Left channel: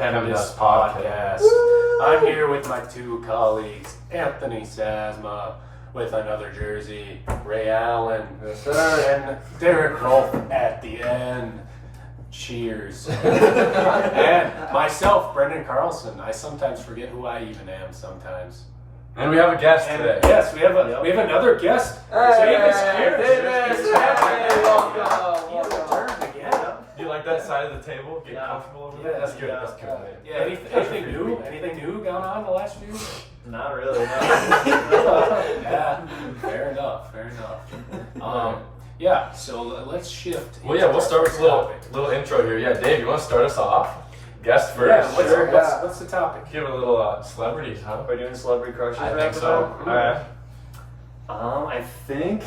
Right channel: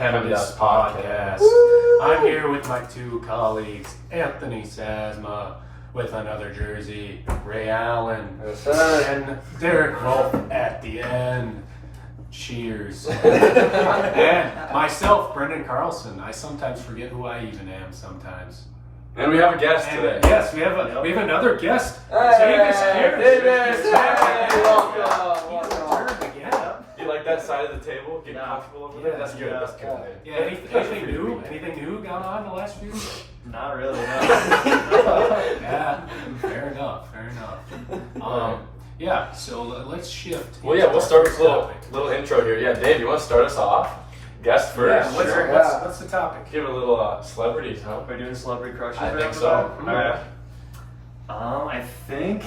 PEMDAS podcast. I'm here with my two colleagues, Anthony Sasma, with another jersey, Ray Allen, yes, sir. and Derek Rolfe at the end. Cheers. And myself, Brendan Carlson. I sometimes forget who I even am sometimes. And we have a guest today. Yes, we have another guest. Davis, welcome. Do you like that side of the table? Get comfortable over there? That's good. That's good. Yeah. Anything new? Anything new gone on the last few weeks? Not really. Yeah. Fair enough. Yeah. So let's shift. Well, yeah, we'll start with a little intro here. Yeah, Dave, you want to start us off? Guest first. Yeah. What's the topic? Give a little celebrities, huh? Are we doing celebrity crushes? I think so. Yeah. I think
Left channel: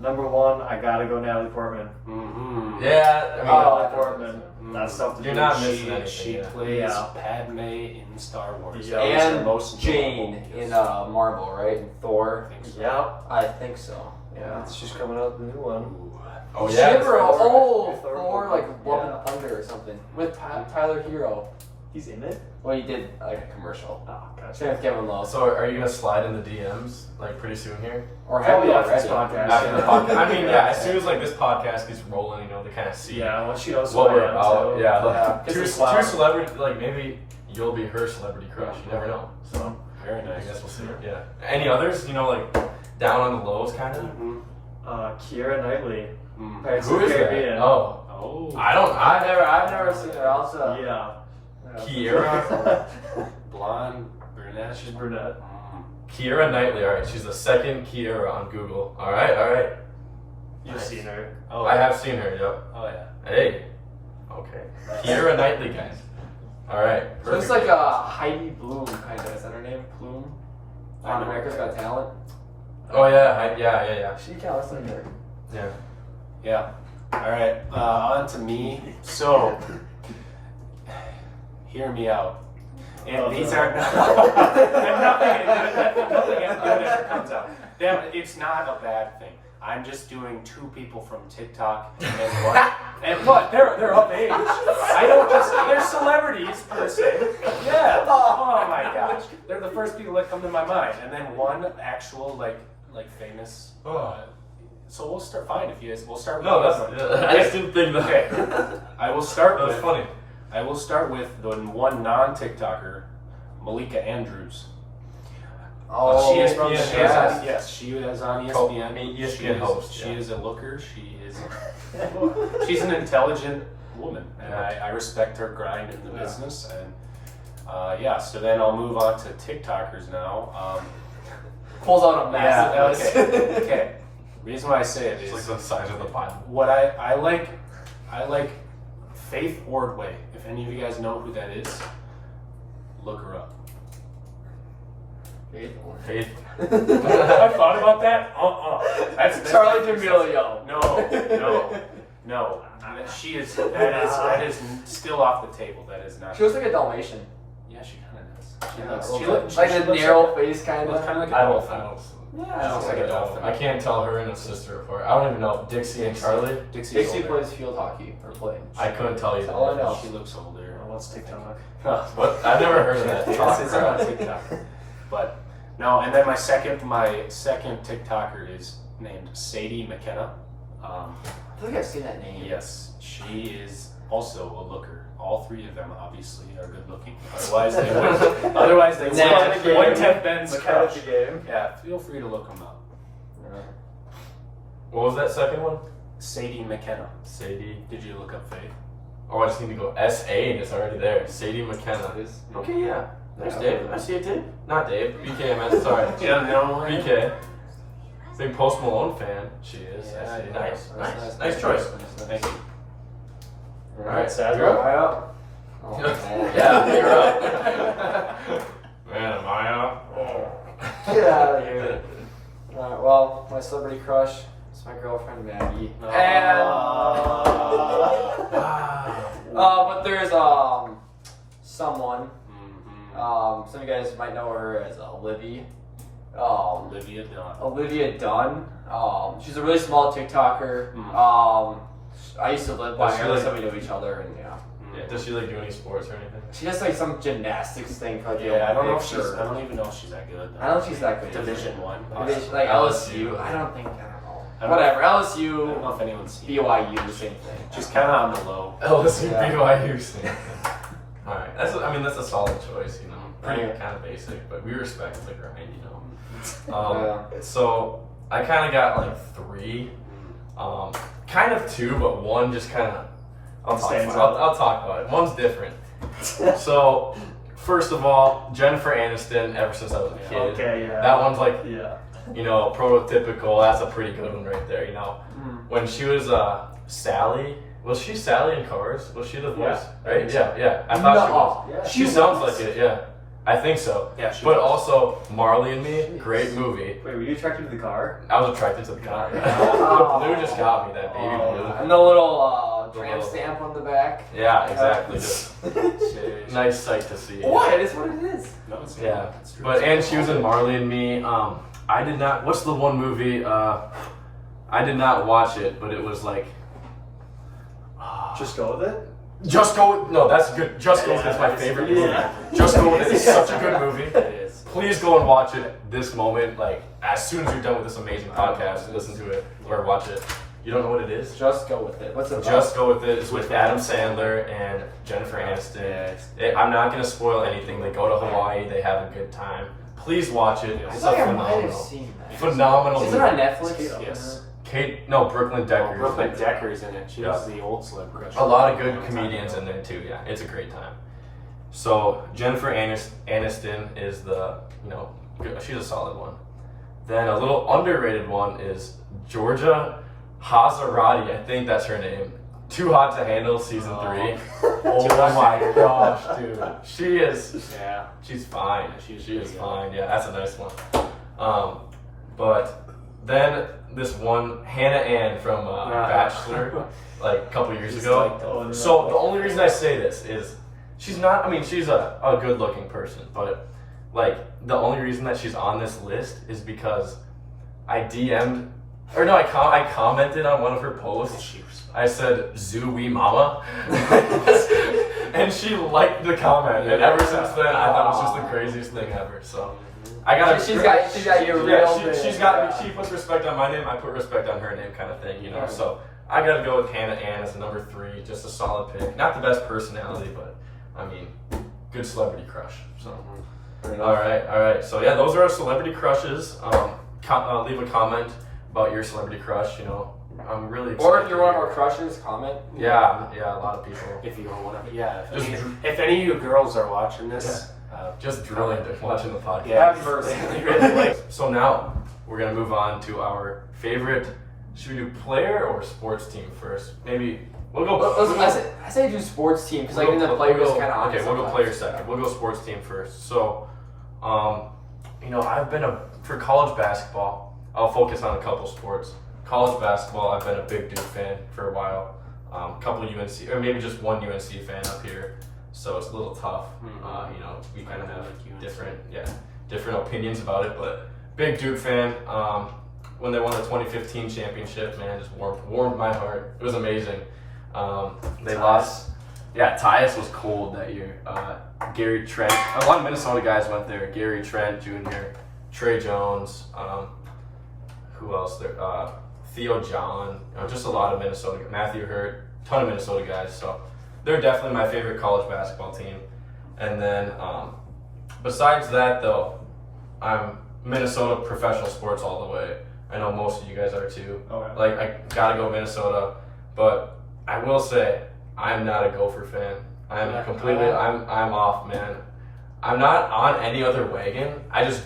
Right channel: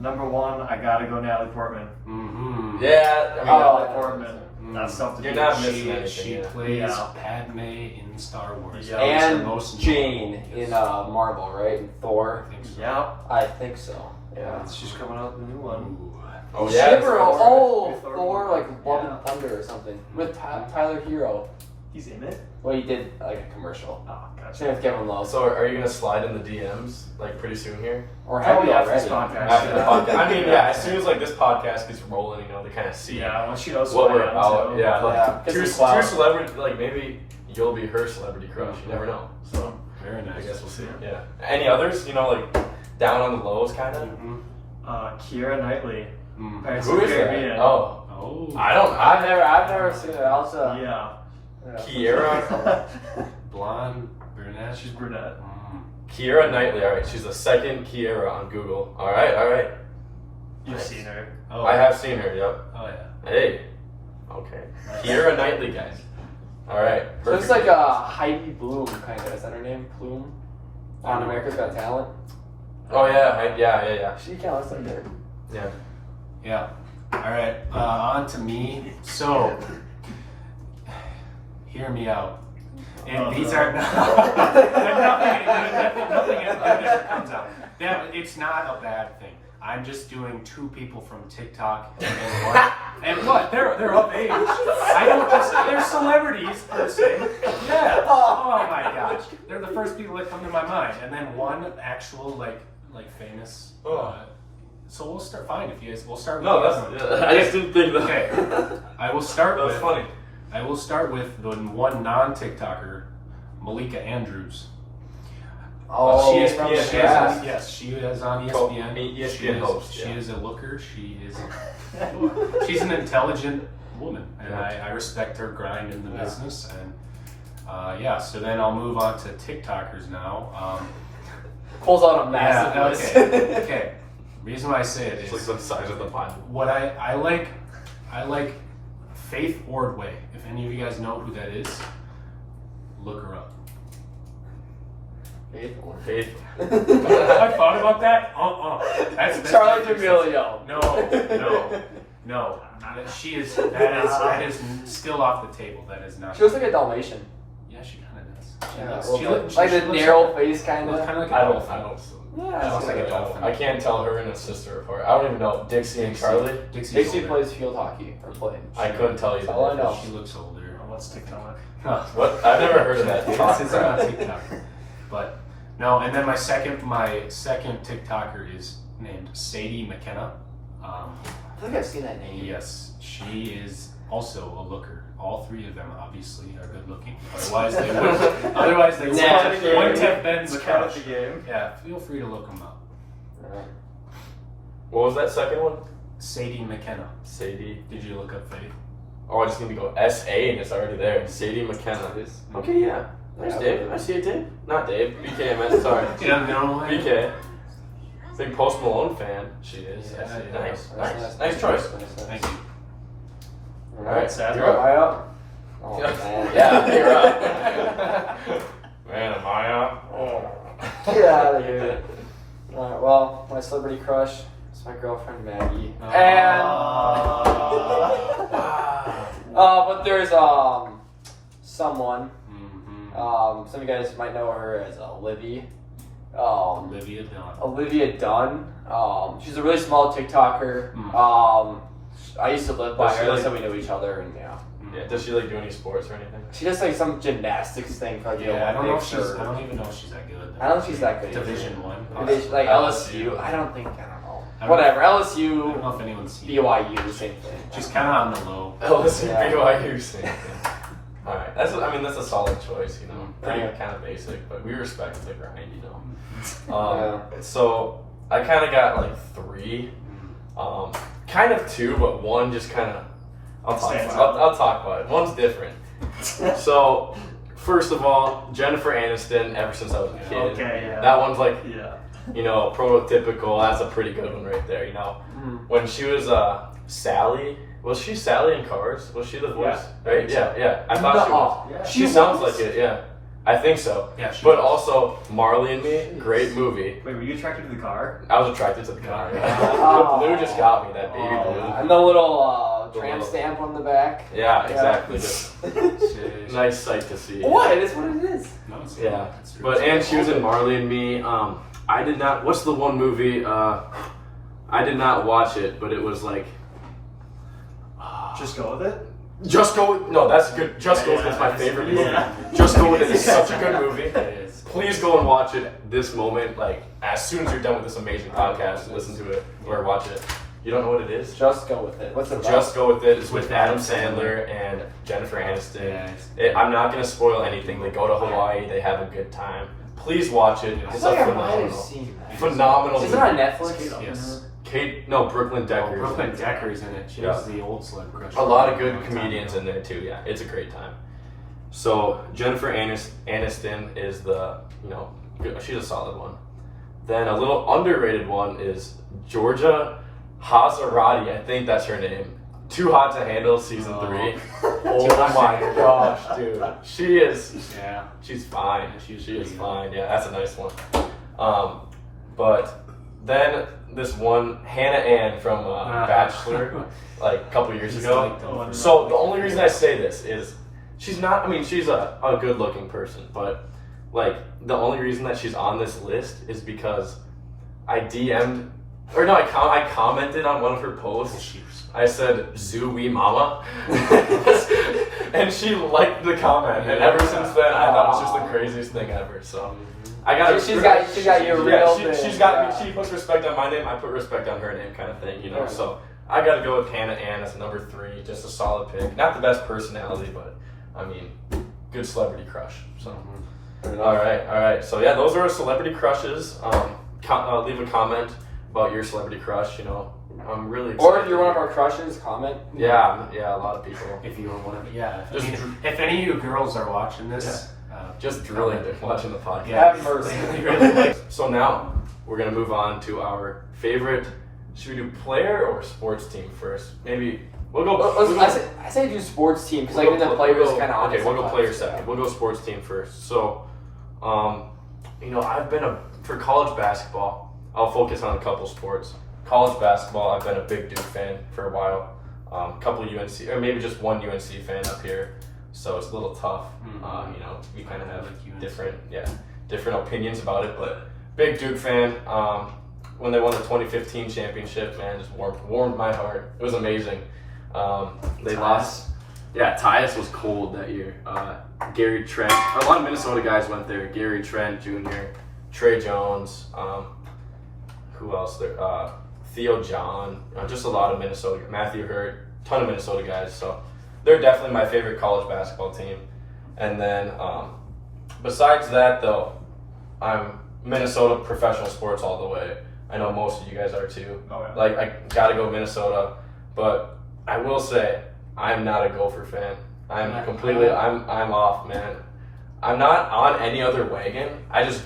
number one, I gotta go Natalie Portman. Mm-hmm. Yeah. Natalie Portman. That's something. You're not missing She anything. plays Padme in Star Wars. Yeah. And most Jane in Marvel, right? In Thor. I think so. Yeah. I think so. Yeah. She's coming out with a new one. Ooh. Oh, She yeah. ever, Thor, Thor, like Love and Thunder or something with Tyler Hero. He's in it. Well, he did like a commercial. Oh, gotcha. Same with Kevin Love. So, are you going to slide in the DMs like pretty soon here? Or have we After this already? podcast. After the podcast? I mean, yeah, as soon as like this podcast gets rolling, you know, they kind of see Yeah, when she goes what we're to about. Yeah, like Yeah, two get some clout. celebrities, like maybe you'll be her celebrity crush. You never know. So, Very I nice. guess we'll see. Yeah. Any others? You know, like down on the lows, kind of. Keira Knightley. Mm. Pirates Who of is the that? Caribbean. Oh, Oh. I've never seen her. Also, Yeah. Keira. Blonde, brunette. She's brunette. Keira Knightley. All right, she's the second Keira on Google. All right. You've Nice. seen her. Oh, I have seen her. Yep. Oh yeah. Hey. Okay. Keira Knightley, guys. All right. so it's like a Heidi Bloom kind of. Is that her name? Bloom on America's Got Talent. Oh yeah. Yeah. She kind of looks like her. Yeah. Yeah. All right. On to me. So, hear me out. And these are nothing ever comes out. Damn, it's not a bad thing. I'm just doing two people from TikTok and one. And what? They're of age. I don't just. They're celebrities per se. Yeah. Oh my gosh. They're the first people that come to my mind. And then one actual like famous. So we'll start. Fine, if you guys. We'll start with. No, the that's. other one. Yeah, I just didn't think that. Okay. I will start That's with. funny. I will start with the one non-TikToker, Malika Andrews. She is on ESPN. ESPN host. She is a looker. She's an intelligent woman, and I respect her grind in the business. And so then I'll move on to TikTokers now. Pulls out a massive list. Okay. Reason why I say it It's is like the size of the Bible. what I like Faith Ordway. If any of you guys know who that is, look her up. Faithful. Faith. I thought about that. That's Charlie D'Amelio. No. That is still off the table. That is not. She looks like a Dalmatian. Yeah, she kind of does. Like the narrow face kind Looks of. kind of like I a don't. dolphin. Yeah. Looks like a dolphin. I can't tell her and her sister apart. I don't even know Dixie and Charlie. Dixie plays field hockey or playing. I couldn't tell you. That's all I know. She looks older. What's TikTok? What? I've never heard of that. It's on TikTok. But no, and then my second TikToker is named Sadie McKenna. I think I've seen that name. Yes, she is also a looker. All three of them obviously are good looking. Otherwise they wouldn't have been crush. Yeah, feel free to look them up. Alright. What was that second one? Sadie McKenna. Sadie. Did you look up Faith? Oh, I just need to go S-A and it's already there. Sadie McKenna. Okay, yeah. Nice, Dave. I see it, Dave. Not Dave. BK, man. Sorry. BK. Big Post Malone fan. She is. Yeah, Nice. Nice choice. Thank you. Alright, Sasma. you're up. Oh, man. Yeah, you're up. Man, am I up? Get out of here. Alright, well, my celebrity crush is my girlfriend Maggie. And but there's someone. Some of you guys might know her as Olivia. Olivia Dunn. She's a really small TikToker. I used to live by her. That's how we knew each other, and yeah. Yeah. Does she like do any sports or anything? She does like some gymnastics thing for like the Yeah, I don't know if Olympics she's. I don't even know if she's that good. Though. I don't know if she's that good. Division One. Like LSU. I don't know. I don't Whatever. I don't LSU, know if anyone's seen. BYU, same thing. She's kind of on the low. LSU, Yeah. BYU. All right, that's a solid choice. You know, pretty Yeah. kind of basic, but we respect the grind. You know. So I kind of got like 3, kind of 2, but one just kind of. I'll talk about it. One's different. So, first of all, Jennifer Aniston. Ever since I was a kid, Okay, yeah. that one's like, Yeah. you know, prototypical. That's a pretty good one right there. You know, when she was Sally. Was she Sally in Cars? Was she the voice? Yeah. Right? Yeah. I thought she was. Yeah. She sounds like it. Yeah, I think so. Yeah, she But was. also Marley and Me, great movie. Wait, were you attracted to the car? I was attracted to the car. Oh. The blue just got me. That baby blue. And the little tramp stamp on the back. Yeah, exactly. Just Jeez. nice sight to see. What? It's what it is. No, it's Yeah, it's true. but and she was in Marley and Me. I did not. What's the one movie? I did not watch it, but it was like. Just go with it? Just Go. No, that's good. Just Go is my favorite movie. Just Go with it is such a good movie. It is. Please go and watch it this moment. Like as soon as you're done with this amazing podcast, listen to it or watch it. You don't know what it is? Just go with it. What's it about? Just Go with it. It's with Adam Sandler and Jennifer Aniston. I'm not gonna spoil anything. They go to Hawaii. They have a good time. Please watch it. I It's feel like a I might have phenomenal, seen that. phenomenal Is it movie. on Netflix? Yes. Brooklyn Decker. Brooklyn Decker's in it. She Yeah. was the old celeb crush. A lot of good comedians in there too. Yeah, it's a great time. So Jennifer Aniston is the she's a solid one. Then a little underrated one is Georgia Hazarati. I think that's her name. Too Hot to Handle season 3. Oh my gosh, dude, she is. Yeah. She's fine. She's She is pretty good. fine. Yeah, that's a nice one. But then this one Hannah Ann from Bachelor, like a couple years He's ago. like the- So the only reason I say this is she's not. I mean, she's a good-looking person, but like the only reason that she's on this list is because I DM'd or no, I commented on one of her posts. I said "Zoo-wee mama," and she liked the comment. And ever since then, I thought it was just the craziest thing ever. So I got. She's got your real thing. She's got. She puts respect on my name. I put respect on her name, kind of thing. You know. So I got to go with Hannah Ann as number 3. Just a solid pick. Not the best personality, but I mean, good celebrity crush. So. All right. So yeah, those are our celebrity crushes. Leave a comment about your celebrity crush. You know, I'm really excited. Or if you're one of our crushes, comment. Yeah, a lot of people. If you want to, yeah. Just If any of you girls are watching this, Just drilling, watching the podcast. Yeah. Have mercy. So now we're gonna move on to our favorite. Should we do player or sports team first? Maybe we'll go. I say do sports team because like then the players kind of okay. We'll go player second. We'll go sports team first. So, I've been for college basketball. I'll focus on a couple sports. College basketball, I've been a big Duke fan for a while. Couple UNC, or maybe just one UNC fan up here. So it's a little tough. We kind of have different opinions about it, but big Duke fan. When they won the 2015 championship, man, just warmed my heart. It was amazing. They lost. Yeah, Tyus was cold that year. Gary Trent, a lot of Minnesota guys went there. Gary Trent Jr., Trey Jones. Who else there? Theo John. Just a lot of Minnesota. Matthew Hurt. Ton of Minnesota guys. So they're definitely my favorite college basketball team. And then besides that, though, I'm Minnesota professional sports all the way. I know most of you guys are too. Okay. Like I gotta go Minnesota, but I will say I'm not a Gopher fan. I'm off, man. I'm not on any other wagon.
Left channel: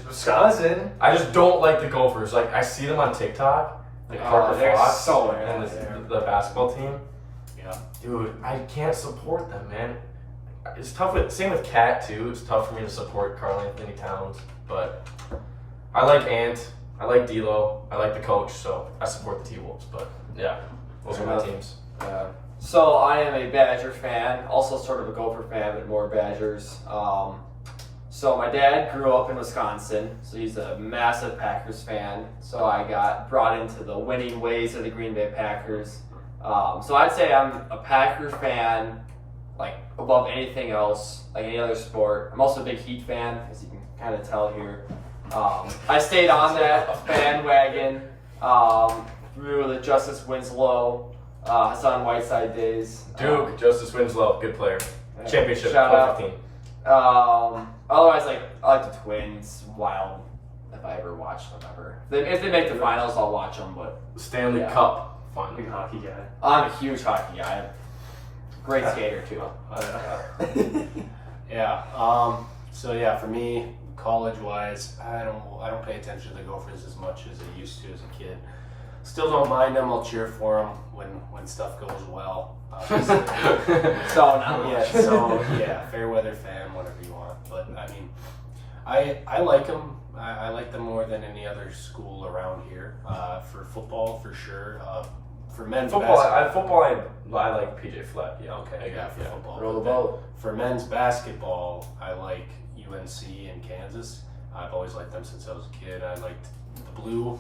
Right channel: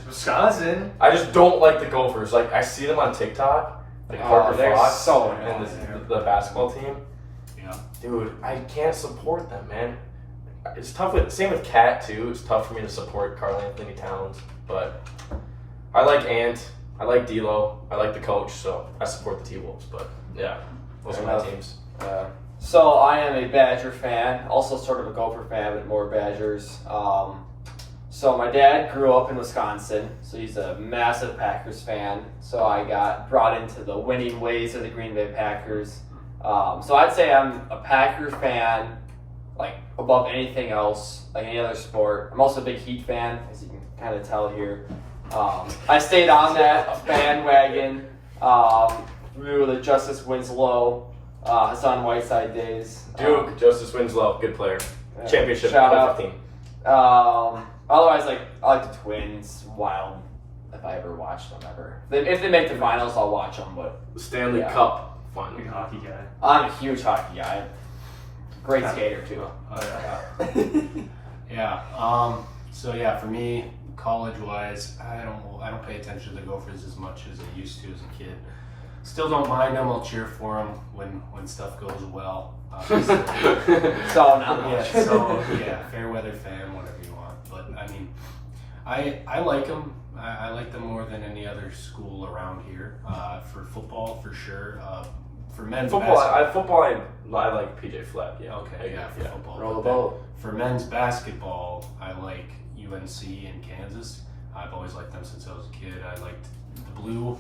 Wisconsin. I just don't like the Gophers. Like I see them on TikTok, like Parker they're Fox so and annoying. the basketball team. Yeah. Dude, I can't support them, man. It's tough same with Cat too. It's tough for me to support Karl Anthony Towns, but I like Ant. I like D'Lo. I like the coach, so I support the T-Wolves. But yeah, those are my teams. So I am a Badger fan, also sort of a Gopher fan, but more Badgers. So my dad grew up in Wisconsin, so he's a massive Packers fan. So I got brought into the winning ways of the Green Bay Packers. So I'd say I'm a Packers fan like above anything else, like any other sport. I'm also a big Heat fan, as you can kind of tell here. I stayed on that bandwagon through the Justice Winslow, Hassan Whiteside days. Duke, Justice Winslow, good player. Championship shout out. 2015. Otherwise, I like the Twins. Wild. If I ever watch them ever. If they make the finals, I'll watch them. But Stanley Yeah. Cup final. Big hockey guy. I'm a huge hockey guy. Great skater too. Yeah. So yeah, for me, college-wise, I don't pay attention to the Gophers as much as I used to as a kid. Still don't mind them. I'll cheer for them when stuff goes well. So not Yeah. much. So yeah, fair weather fan, whatever you want. But I mean, I like them. I like them more than any other school around here. For football, for sure. For men's basketball. I like PJ Fleck. Yeah. Okay, yeah, for football. Roll the boat. For men's basketball, I like UNC and Kansas. I've always liked them since I was a kid. I liked the blue.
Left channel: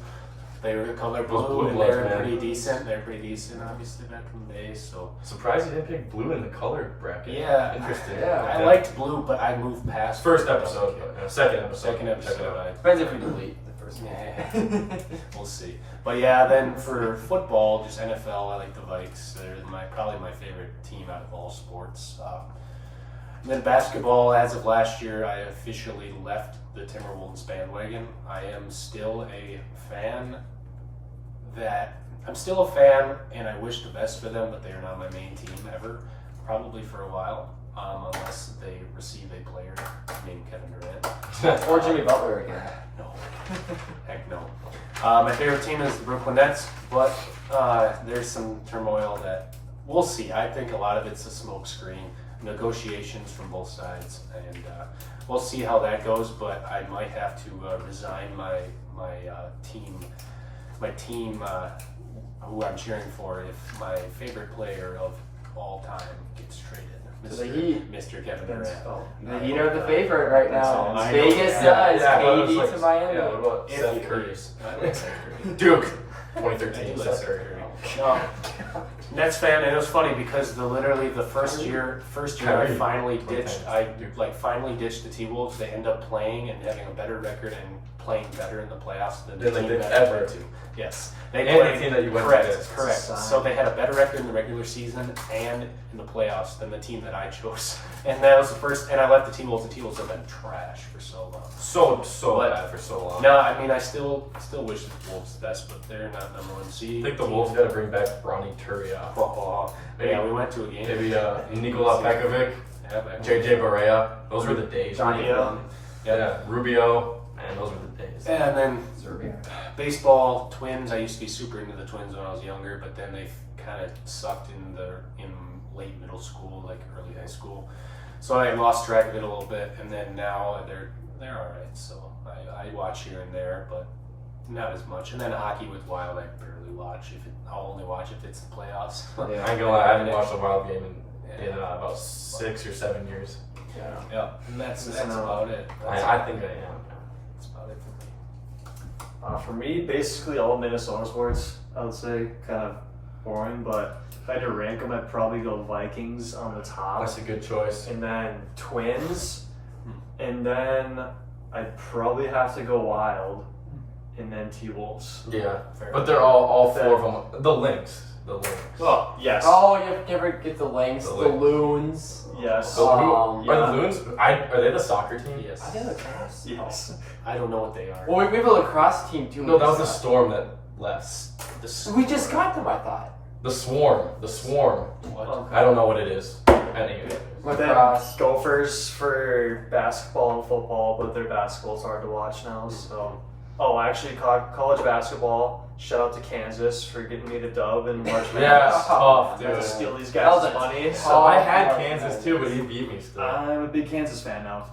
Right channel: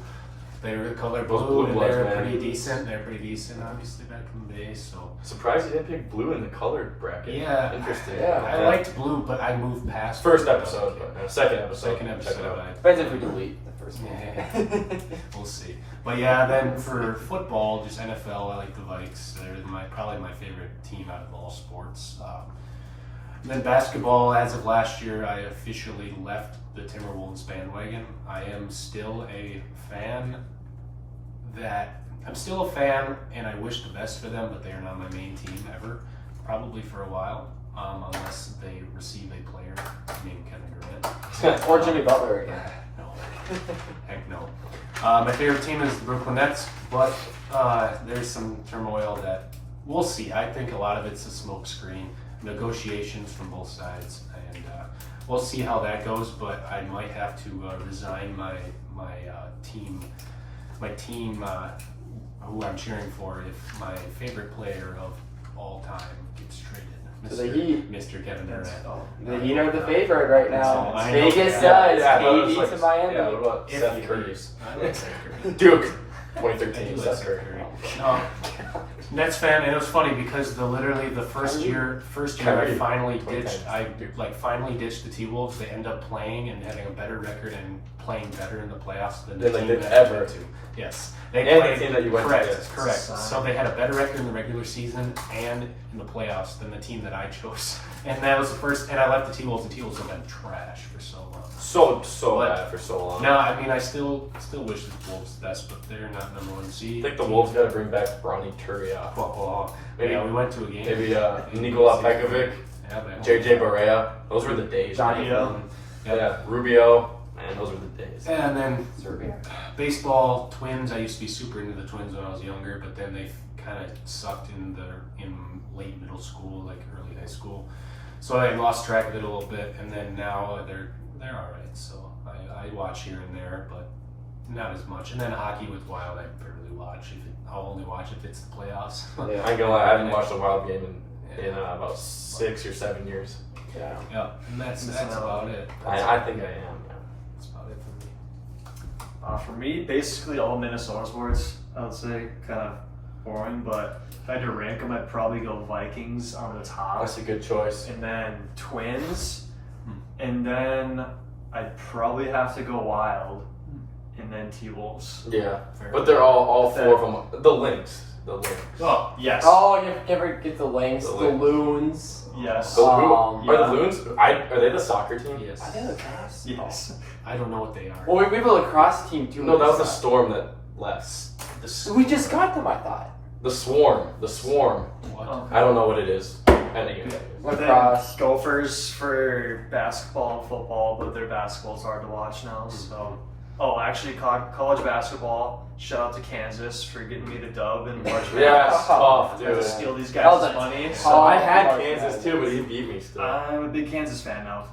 They were the color Those blue, blue and bloods, they're man. pretty decent. They're pretty decent, obviously, back in the day. So Surprised you didn't pick blue in the color bracket. yeah, Interesting. Yeah. I liked blue, but I moved past First blue. episode, but second episode. Second episode. Check it out. Depends if we delete the first one. Yeah. We'll see. But yeah, then for football, just NFL, I like the Vikes. They're probably my favorite team out of all sports. Then basketball, as of last year, I officially left the Timberwolves bandwagon. I am still a fan. I'm still a fan, and I wish the best for them, but they are not my main team ever, probably for a while, unless they receive a player named Kevin Durant. Or Jimmy Butler again. No. Heck no. My favorite team is the Brooklyn Nets, but there's some turmoil that we'll see. I think a lot of it's a smokescreen, negotiations from both sides, and we'll see how that goes. But I might have to resign my team, who I'm cheering for, if my favorite player of all time gets traded. To the Heat. Mr. Kevin Durant. The Heat are the favorite right now. So, I know- Vegas yeah, does. Yeah, KD to Miami. Yeah, what about If Seth he Curry? leaves. I like Seth Curry. Duke, I 2013. do like Seth Curry. No. Nets fan, and it was funny because the first year I finally ditched the T-Wolves. They end up playing and having a better record and playing better in the playoffs than the Than team they that ever I went to. Yes, they And played the team that you went correct, against. correct. So they had a better record in the regular season and in the playoffs than the team that I chose. And that was the first. And I left the T-Wolves. The T-Wolves have been trash for so long. So bad for so long. No, I mean I still wish the Wolves the best, but they're not number one seed. I think the Wolves got to bring back Bronny Turia. Maybe Yeah, we went to a game. maybe Nikola Pekovic, Yeah, that JJ Barea. Those were the days. Johnny Yeah, Rubio. Man, those were the days. And then Serbia. baseball, Twins. I used to be super into the Twins when I was younger, but then they kind of sucked in late middle school, like early high school. So I lost track of it a little bit, and then now they're all right. So I watch here and there, but not as much. And then hockey with Wild, I barely watch. I'll only watch if it's the playoffs. Yeah. I ain't gonna lie, I haven't watched a Wild game in about 6 or 7 years. Yeah. Yeah, and that's about it. I think I am. That's about it for me. For me, basically all Minnesota sports, I would say, kind of boring. But if I had to rank them, I'd probably go Vikings on the top, That's a good choice. and then Twins, and then I'd probably have to go Wild, and then T-Wolves. Yeah, Fair. but they're all 4 of them. The Lynx. Oh, yes. Oh, you ever get the Lynx, The the Lynx. Loons? Yes. So who Um, are the Loons? Are they the soccer team? Yes. I did lacrosse. Yes. I don't know what they are. Well, we have a lacrosse team too. No, that was the Storm that left. We just got them, I thought. The Swarm. What? Okay. I don't know what it is. Anyway. Lacrosse. Then Gophers for basketball and football, but their basketball's hard to watch now. So, actually, college basketball. Shout out to Kansas for getting me the dub and March Madness. Yeah, Oh, tough, I had to dude. steal these That was guys' a money. So So I had March Kansas Madness. too, but he beat me still. I'm a big Kansas fan now.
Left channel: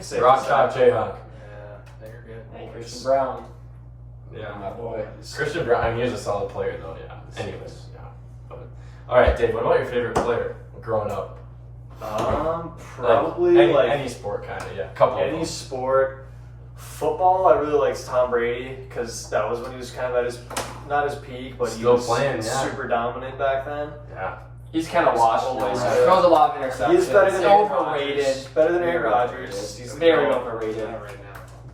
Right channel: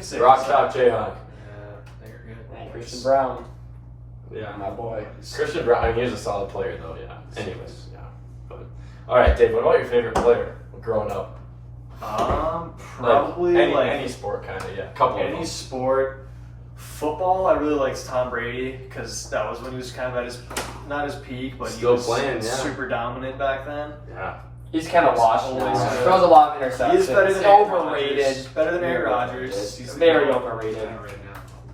Safe Rock to top say. Jayhawk. Yeah, they're good. And Christian Brown, Yeah. my boy. Christian Brown. I mean, he's a solid player though. Yeah. Anyways, yeah. But, all right, Dave. What about your favorite player growing up? Probably any sport, kind of. Yeah. Couple of any them. sport. Football, I really liked Tom Brady because that was when he was kind of at his, not his peak, but Still he was playing, yeah. super dominant back then. Yeah. He's kind of washed Always now. good. Throws a lot of interceptions. He's better than He's Aaron overrated. Rodgers. Better than Aaron Very Rodgers. overrated. He's Very the overrated. right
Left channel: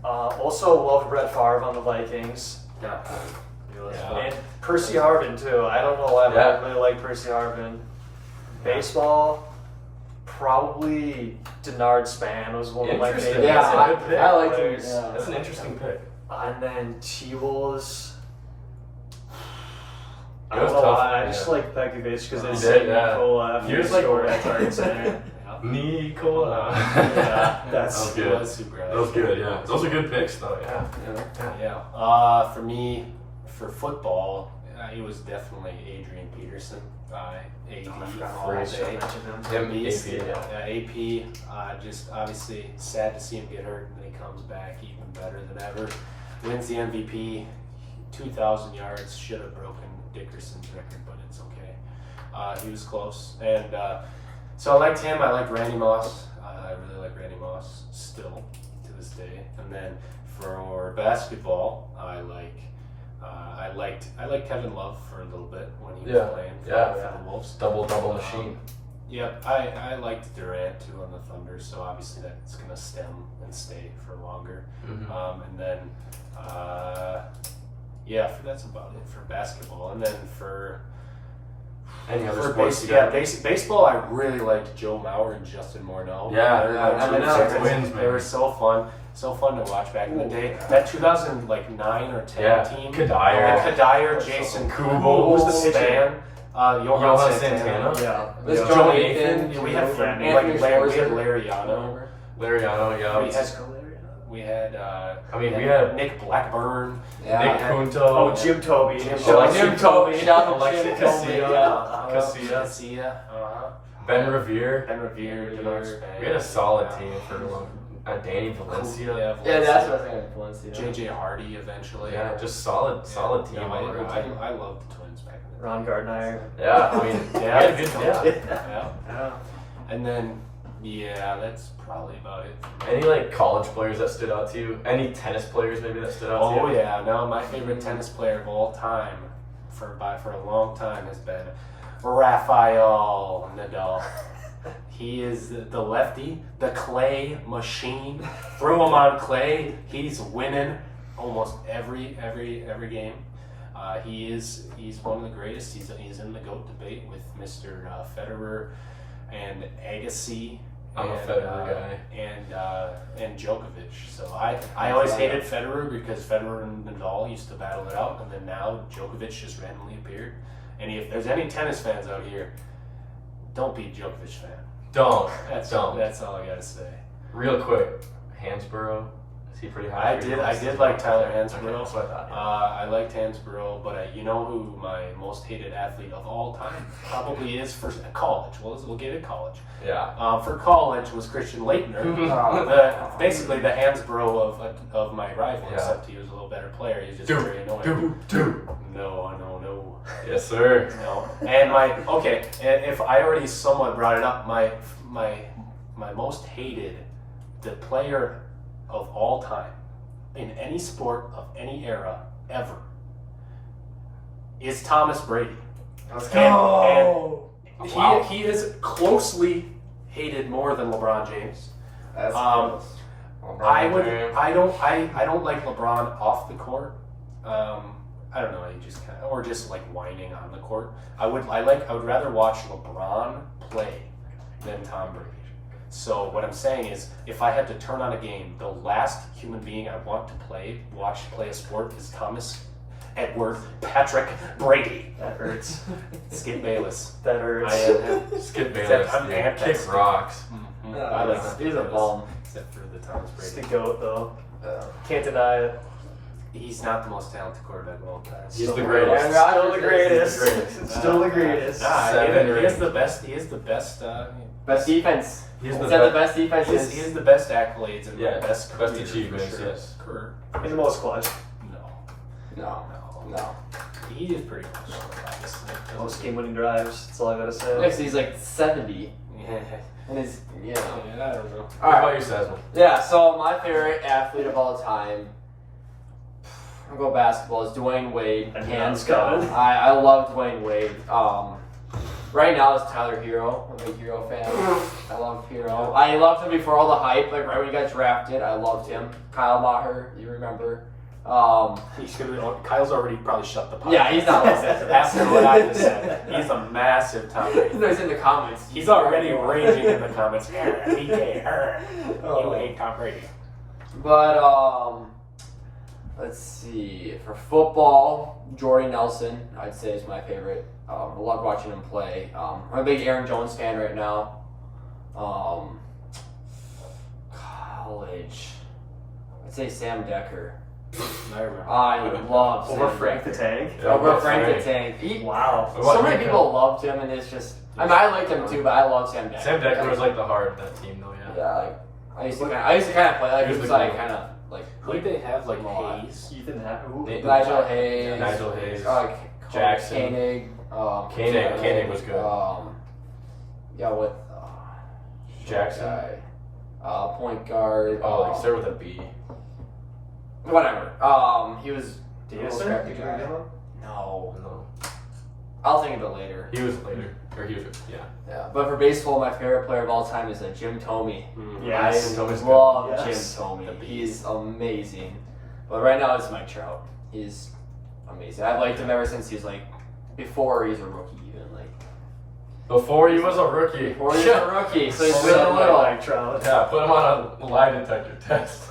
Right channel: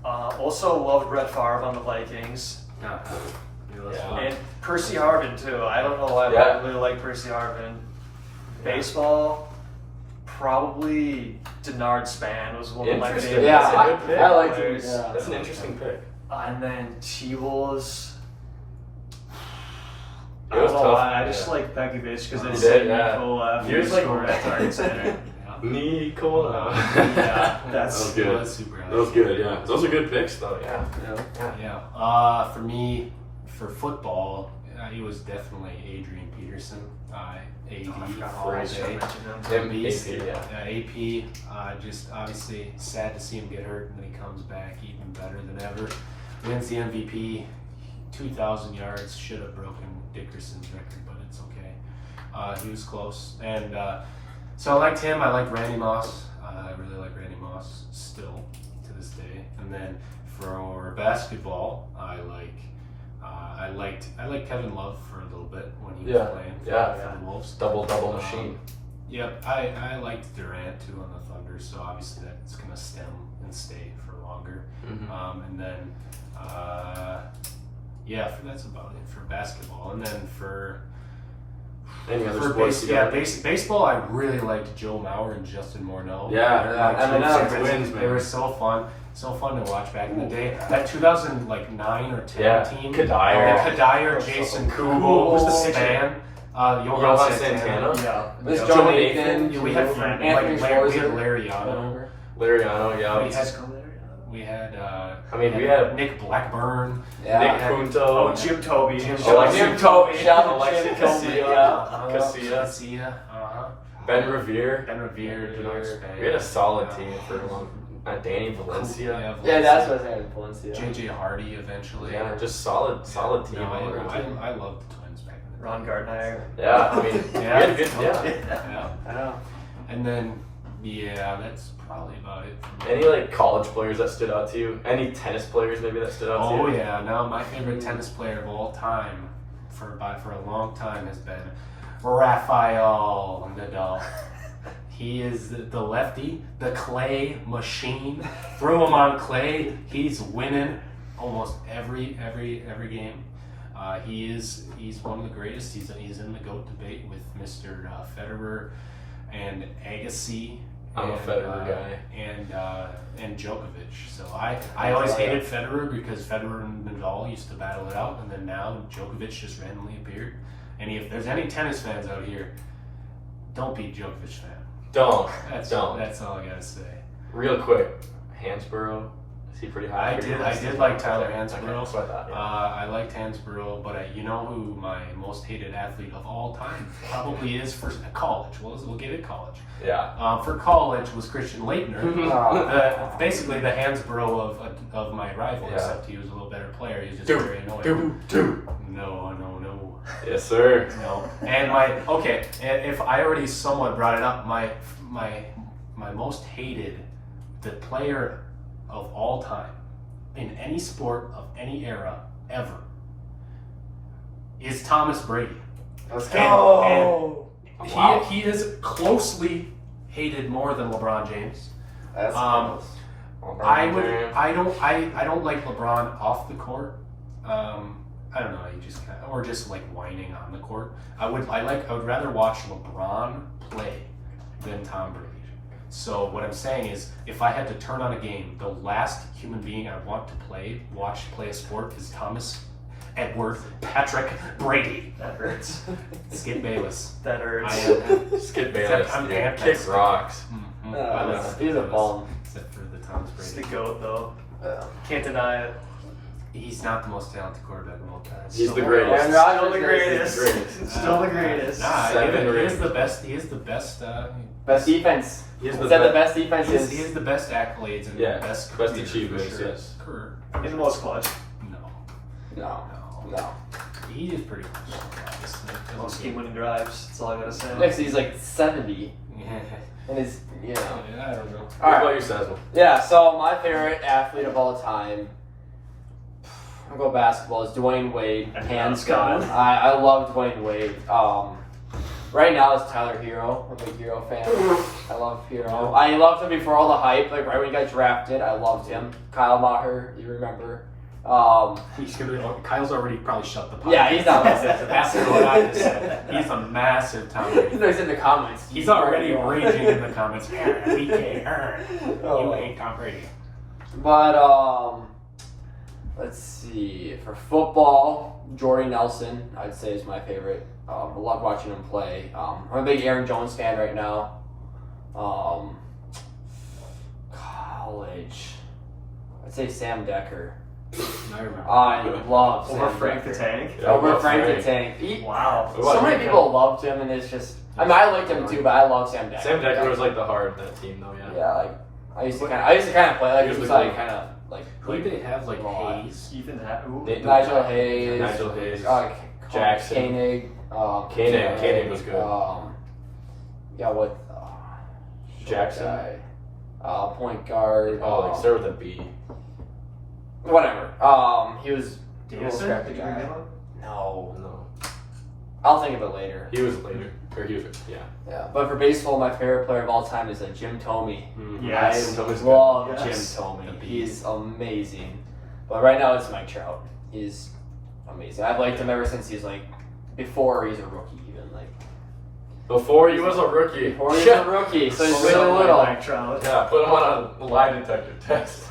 now. Also, love Brett Favre on the Vikings. Yeah. And Percy Harvin, too. I don't know why Yeah. I really like Percy Harvin. Baseball, probably Denard Span was one of my Interesting. favorite. Yeah, That's a good pick. I liked him. players. Yeah. That's an interesting pick. And then T-Wolves. I It was don't know tough. why. I just like Begovic because You they did, said yeah. Nikola. He was like- scored at times there. Nicola. Yeah, that that's was good. That was super That was good. Yeah, those are good picks though. Yeah. Yeah. For me, for football, it was definitely Adrian Peterson. AD all Great day. Him, Beast. AP, yeah. AP, just obviously sad to see him get hurt, and then he comes back even better than ever. Wins the MVP, 2,000 yards. Should have broken Dickerson's record, but it's okay. He was close, and so I liked him. I liked Randy Moss. I really like Randy Moss still to this day. And then for basketball, I liked Kevin Love for a little bit when he was Yeah. playing Yeah. for the Wolves. Double machine. Yeah, I liked Durant too on the Thunder, so obviously that's going to stem and stay for longer. Mm-hmm. And then, that's about it for basketball. And then for Any other sports? baseball, I really liked Joe Mauer and Justin Morneau. Yeah, They're my I two know. Twins, They were man. so fun. So fun to watch back in the day. That 2009 or 10 Yeah. team. Kadire. Kadire, Jason Cool. Who's the Span? Johan Santana. Yeah. This Yeah. Joe Joe Nathan. Yeah, we had Anthony we had Schwarzer. Lariano. Lariano, yeah. We had we had Nick Blackburn. Yeah. Nick Punto. Oh, Jim Toby. Jim Toby. Jim Toby. Shout out Alexis Jim Toby. Casilla. Yeah. Casilla. Ben Revere. Ben Revere. George Span. We had a solid team for a long. Danny Valencia. Yeah, that's what I was saying. Valencia. JJ Hardy eventually. Yeah, just solid team. No, all around. I loved the Twins back in the day. Ron Gardner. Yeah, I mean, we had a good. Yeah. Yeah. And then, that's probably about it. Any like college players that stood out to you? Any tennis players maybe that stood out to you? Oh yeah, no, my favorite tennis player of all time for a long time has been Rafael Nadal. He is the lefty, the clay machine. Throw him on clay, he's winning almost every game. He's one of the greatest. He's in the GOAT debate with Mr. Federer and Agassi. I'm a Federer guy. And Djokovic. So I always hated Federer because Federer and Nadal used to battle it out, and then now Djokovic just randomly appeared. And if there's any tennis fans out here, don't be Djokovic fan. Don't. That's all I gotta say. Real quick, Hansborough. Is he pretty high? I did like Tyler Hansborough. Okay, that's what I thought. Yeah. I liked Hansborough, but you know who my most hated athlete of all time probably is for college. We'll give it college. Yeah. For college was Christian Laettner. Basically the Hansborough of my rival, Yeah. except he was a little better player. He was just very annoying. No. Yes, sir. No. And and if I already somewhat brought it up, my most hated, the player of all time in any sport of any era ever is Thomas Brady. Let's go. And Wow. he is closely hated more than LeBron James. That's Um, close. I don't like LeBron off the court. I don't know, or just like whining on the court. I would rather watch LeBron play than Tom Brady. So what I'm saying is, if I had to turn on a game, the last human being I want to watch play a sport is Thomas Edward Patrick Brady. That hurts. Skip Bayless. That hurts. Skip Except I'm Bayless. anti- Kick rocks. He's a bum. Except for the Thomas It's the Brady. GOAT, though. Yeah. Can't deny it. He's not the most talented quarterback of all time. He's the greatest. Aaron Still Rodgers the is greatest. the greatest. Still the greatest. Nah, Seven he is rings. the best. He is the best. Best defense. He's Is the that the best. best defense? He is the best accolades and Yeah, best best career, achievements, for sure. yes. Career. In the most clutch. No. No. He is pretty much obviously. Most game-winning drives. That's all I gotta say. Next, he's like 70. Yeah, And his, I don't know. What Alright. about you, Sazzle? Yeah, so my favorite athlete of all time, I'll go basketball, is Dwayne Wade. I knew Hands that was down. coming. I love Dwayne Wade. Right now it's Tyler Hero. I'm a big Hero fan. I love Hero. I loved him before all the hype. Like right when he got drafted, I loved him. Kyle Maher, you remember? Kyle's already probably shut the podcast. Yeah, he's not listening to That's that. what I said. He's a massive Tom Brady. No, he's in the comments. He's already raging in the comments. BK, you Oh. hate Tom Brady. But let's see. For football, Jordy Nelson, I'd say is my favorite. I love watching him play. I'm a big Aaron Jones fan right now. College, I'd say Sam Decker. I remember. I love Sam Over Frank Decker. the Tank. Yeah, Over over Frank the Frank. Tank. Wow. So many people loved him, and it's just. I mean, I liked him too, but I love Sam Decker. Sam Decker was like the heart of that team, though. Yeah. Yeah, like I used to kind of play like He he was was the like goat. kind of like Who did they have? Like Lot. Hayes? Ethan Happy. They- Nigel Hayes, Nigel Hayes. Jackson, Koenig, Koenig was good. Yeah, what? Jackson. Guy, point guard. Oh, like start with a B. Whatever. He was. He was Davison? drafted guy. No, No, I'll think of it later. he was later, or he was Yeah, but for baseball, my favorite player of all time is Jim Thome. Yes. I Tome's good. love Yes. Jim Thome. He's amazing. But right now it's Mike Trout. He's amazing. I've liked him ever since he's like before he's a rookie, even like Before he was a rookie. before he's a rookie. So he's really little. Like Trout. Yeah, put him on a lie detector test.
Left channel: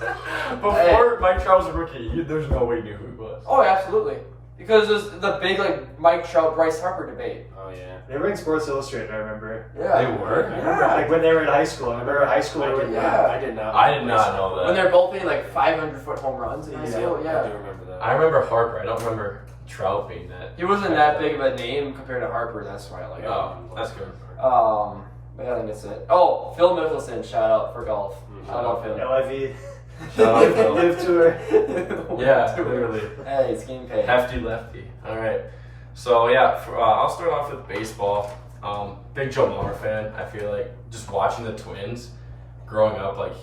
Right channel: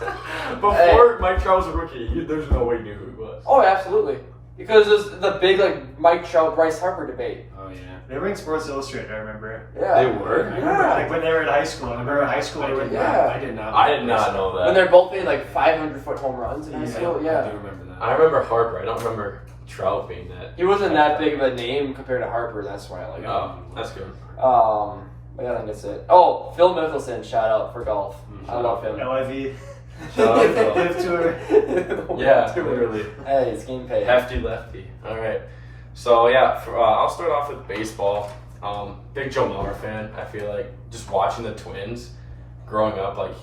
Before Mike Trout was a rookie, there's no way he knew who he was. Oh, absolutely. Because there's the big like Mike Trout Bryce Harper debate. Oh yeah. They were in Sports Illustrated, I remember. Yeah. They were? I remember like when they were in high school. I remember in high school they were Yeah. I did not. I did not know that. When they're both hitting like 500-foot home runs in high school. I Yeah. do remember that. I remember Harper. I don't remember Trout being that. He wasn't that big of a name compared to Harper. That's why I like him. Oh, that's good. But yeah, I think that's it. Oh, Phil Mickelson, shout out for golf. I love him. LIV. Shout out Phil. Live tour. Yeah, literally. Hey, it's game pay. Hefty lefty. All right. So yeah, I'll start off with baseball. Big Joe Mauer fan. I feel like just watching the Twins growing up, like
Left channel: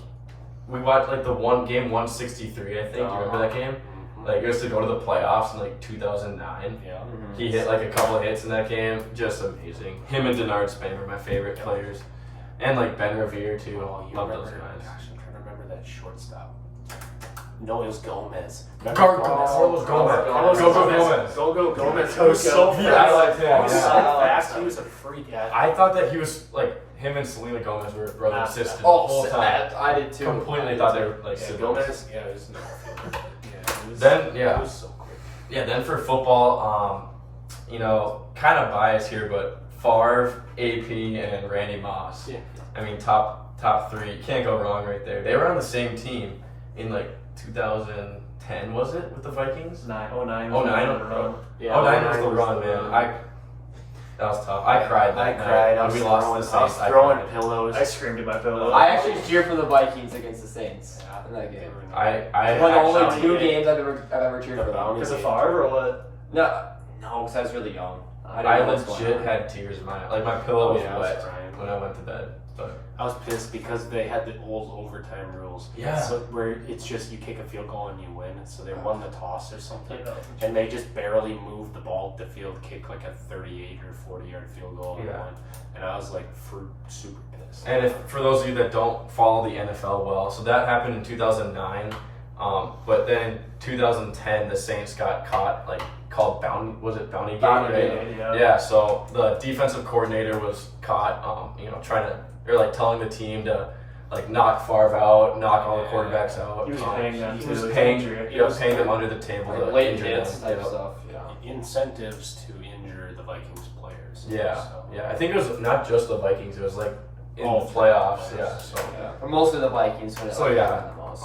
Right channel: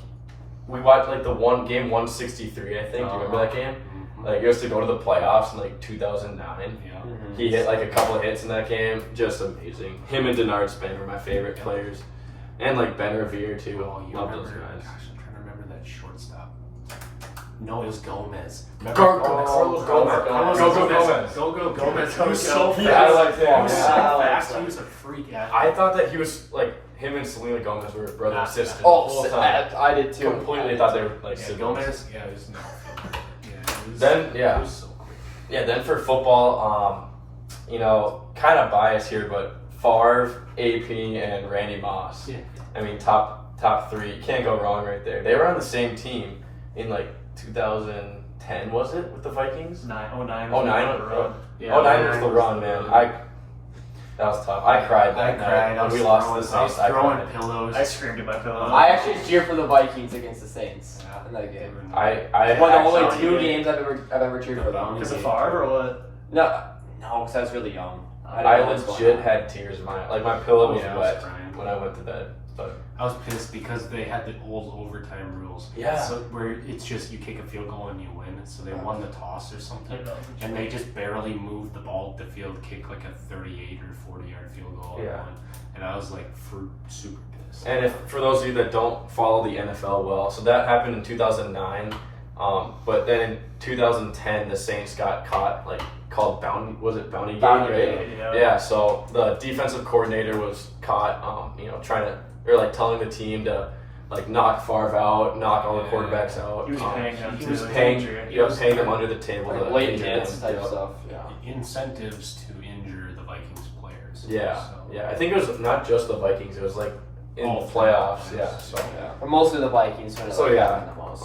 we watched like the game 163. I think. Do you remember that game? Like, it was to go to the playoffs in like 2009. Yeah. Mhm. He hit like a couple of hits in that game. Just amazing. Him and Denard Span were my favorite players, and like Ben Revere too. Oh, you Love remember? those guys. Gosh, I'm trying to remember that shortstop. No, it was Gomez. Carlos Gomez. Gomez. Gomez. It was so fast. Yeah, I liked him. He was so I liked fast. him. He was a freak athlete. I thought that he was like him and Selena Gomez were brother and sister. Oh, the whole time. I did too. Completely thought they were like Yeah, siblings. Gomez. Yeah, it was no. Yeah, it was, Then, yeah. It was so quick. Yeah, then for football, kind of biased here, but Favre, AP, and Randy Moss. Yeah. I mean, top three. Can't go wrong right there. They were on the same team in like 2010, was it, with the Vikings? 09. 09? Yeah, 09 was the run, man. That was tough. I cried that I night cried. I when was we lost to the I was Saints. I throwing cried. pillows. I screamed at my pillow. I actually cheer for the Vikings against the Saints in that game. I One of only actually- 2 games I've ever cheered for them. Is it Favre or what? No, because I was really young. I didn't know what was going legit on. had tears in my like my pillow was Yeah, I was wet crying. when I went to bed. But I was pissed because they had the old overtime rules. Yeah. So where it's just you kick a field goal and you win. So they won the toss or something. And they just barely moved the ball to the field, kick like a 38 or 40-yard field goal and Yeah. won. And I was like super pissed. and if for those of you that don't follow the NFL well, so that happened in 2009. But then in 2010, the Saints got caught, like called bounty game? Bounty right? game, Yeah. So the defensive coordinator was caught, trying to or like telling the team to like knock Favre out, knock all the quarterbacks out. He was paying them He too. was It was paying, injury. paying them under the table. Like to late injure hits them. type Yeah. stuff. Yeah. Incentives to injure the Vikings players. Yeah, So, yeah. I think it was not just the Vikings. It was like in All the three playoffs. playoffs. Yeah. So Yeah. But mostly the Vikings when it So, like, yeah. happened the most.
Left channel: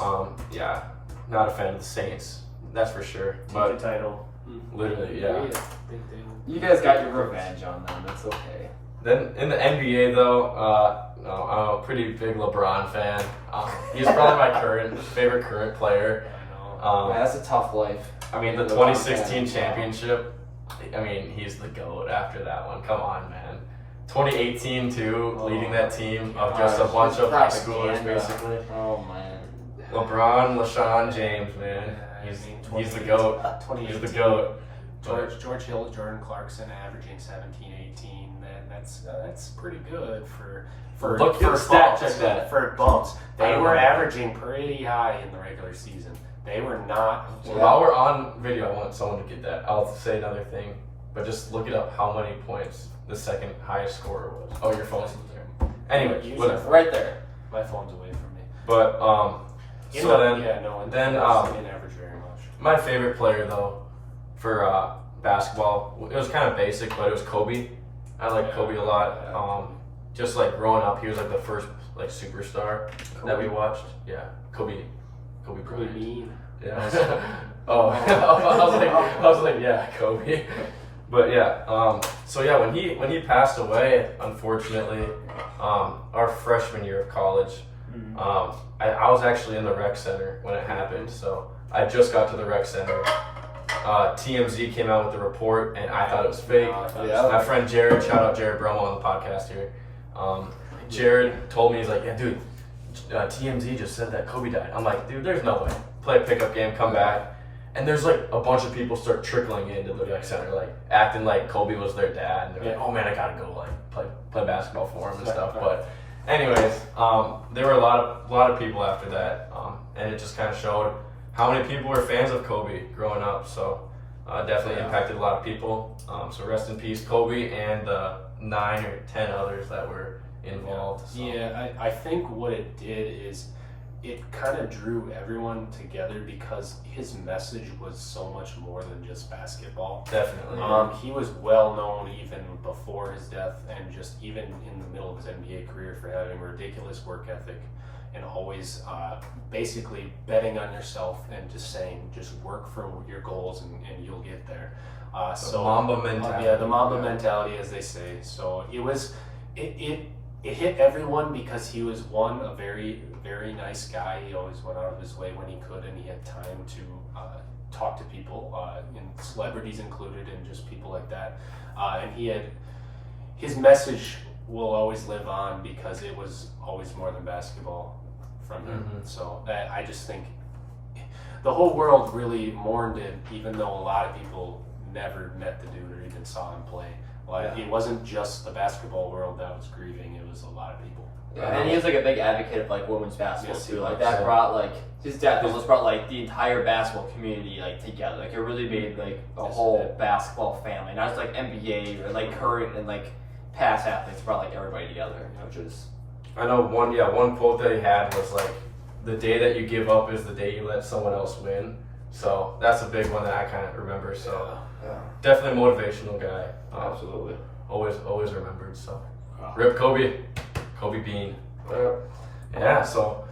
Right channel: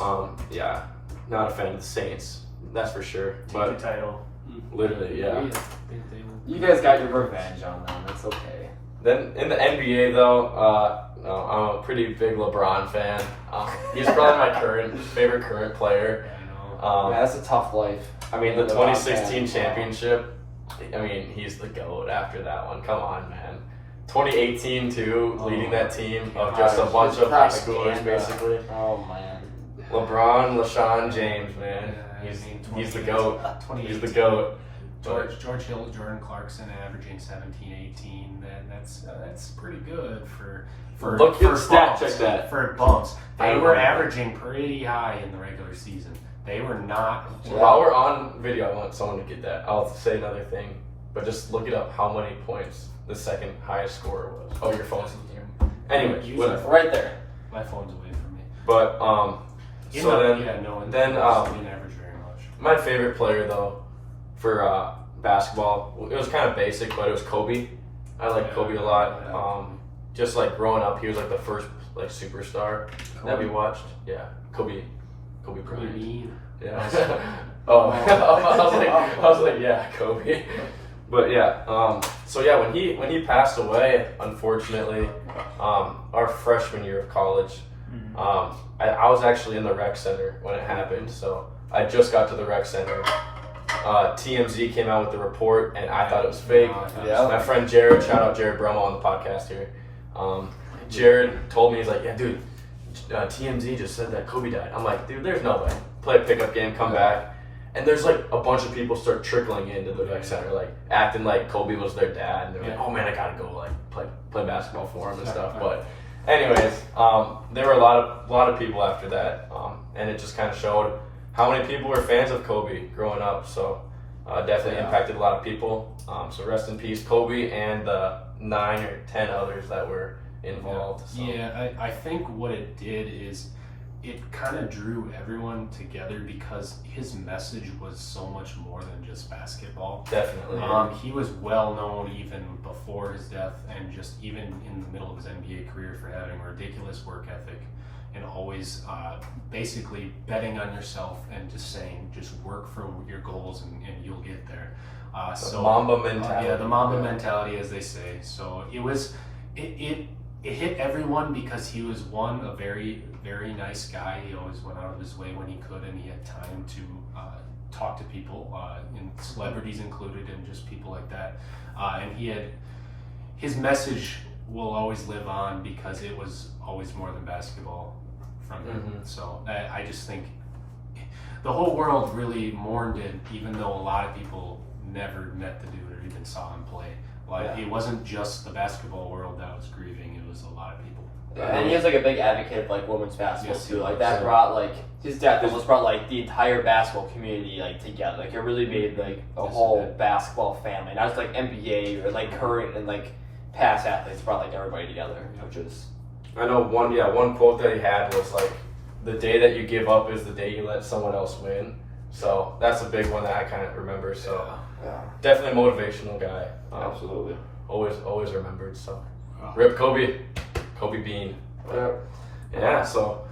yeah, not a fan of the Saints. That's for sure. Take But the title. literally, yeah. You guys got your revenge on them. That's okay. Then in the NBA though, I'm a pretty big LeBron fan. He's probably my favorite current player. I know. Man, that's a tough life. I mean, the LeBron 2016 fan. championship. I mean, he's the GOAT after that one. Come on, man. 2018 too, leading that team of just a bunch of high schoolers, Propaganda. basically. Oh man. LeBron, LaShawn James, man. Yeah, I mean, He's the GOAT. He's the GOAT. George Hill, Jordan Clarkson averaging 17, 18. That's pretty good for Look at the stat, bumps. check that. For bumps, I they don't were know. averaging pretty high in the regular season. They were not. While we're on video, I want someone to get that. I'll say another thing, but just look it up. How many points the second highest scorer was? Oh, your phone's there. Anyway, Use whatever. Right there. My phone's away from me. But then didn't average very much. my favorite player though for basketball, it was kind of basic, but it was Kobe. I like Kobe a lot. Just like growing up, he was like the first like superstar that we watched. Yeah, Kobe Bryant. Mean. Yeah. I was like, yeah, Kobe. But yeah, so yeah, when he passed away, unfortunately, our freshman year of college, I was actually in the rec center when it happened. So I just got to the rec center. TMZ came out with the report, and I thought it was fake. Yeah. My friend Jared, shout out Jared Bromo on the podcast here. Jared told me, he's like, yeah, dude, TMZ just said that Kobe died. I'm like, dude, there's no way. Play a pickup game, come back. And there's like a bunch of people start trickling into the rec center, like acting like Kobe was their dad. And they're like, oh man, I gotta go like play basketball for him and stuff. But anyways, there were a lot of people after that. And it just kind of showed how many people were fans of Kobe growing up. So definitely impacted a lot of people. So rest in peace, Kobe, and 9 or 10 others that were involved. So. Yeah, I think what it did is it kind of drew everyone together because his message was so much more than just basketball. Definitely. He was well known even before his death, and just even in the middle of his NBA career for having ridiculous work ethic and always basically betting on yourself and just saying, just work for your goals and you'll get there. Mamba mentality. Yeah, the Mamba mentality, as they say. So it hit everyone because he was a very, very nice guy. He always went out of his way when he could, and he had time to talk to people, and celebrities included, and just people like that. And his message will always live on because it was always more than basketball from him. Mm-hmm. So I just think the whole world really mourned it, even though a lot of people never met the dude or even saw him play. It wasn't just the basketball world that was grieving; it was a lot of people. Yeah, and he was like a big advocate of like women's basketball Yes, too. Like he that was. brought like his death almost brought like the entire basketball community like together. Like it really made like a whole basketball family, not just like NBA or like current and like past athletes. Brought like everybody together, which is. I know one quote that he had was like, "The day that you give up is the day you let someone else win." So that's a big one that I kind of remember. So definitely a motivational guy. Absolutely. Always remembered. So rip Kobe Bean. Yeah. So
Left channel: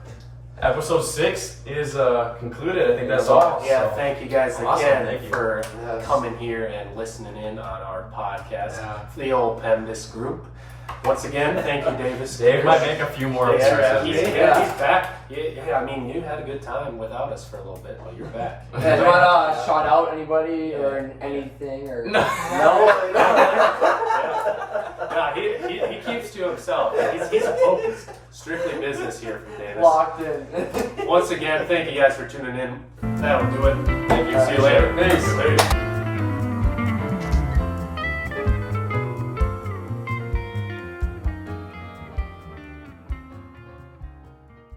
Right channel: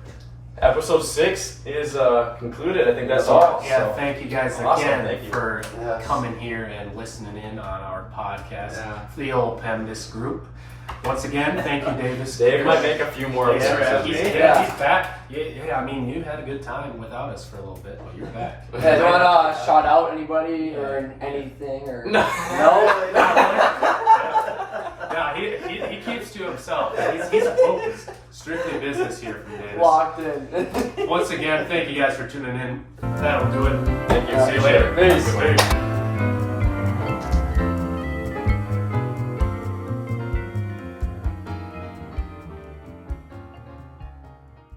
episode 6 is concluded. I think that's all. Yeah, So, thank you guys awesome, again thank you. for Yes. coming here and listening in on our podcast Yeah. for the old PEMDAS group. Once again, thank you, Davis. Dave might make a few more Yeah, appearances. he's back. Yeah, I mean, you had a good time without us for a little bit, but you're back. Yeah, do you want to shout out anybody or anything or No. No, he keeps to himself. He's focused. Strictly business here from Davis. Locked in. Once again, thank you guys for tuning in. That'll do it. Thank you. See you later. Peace. Peace.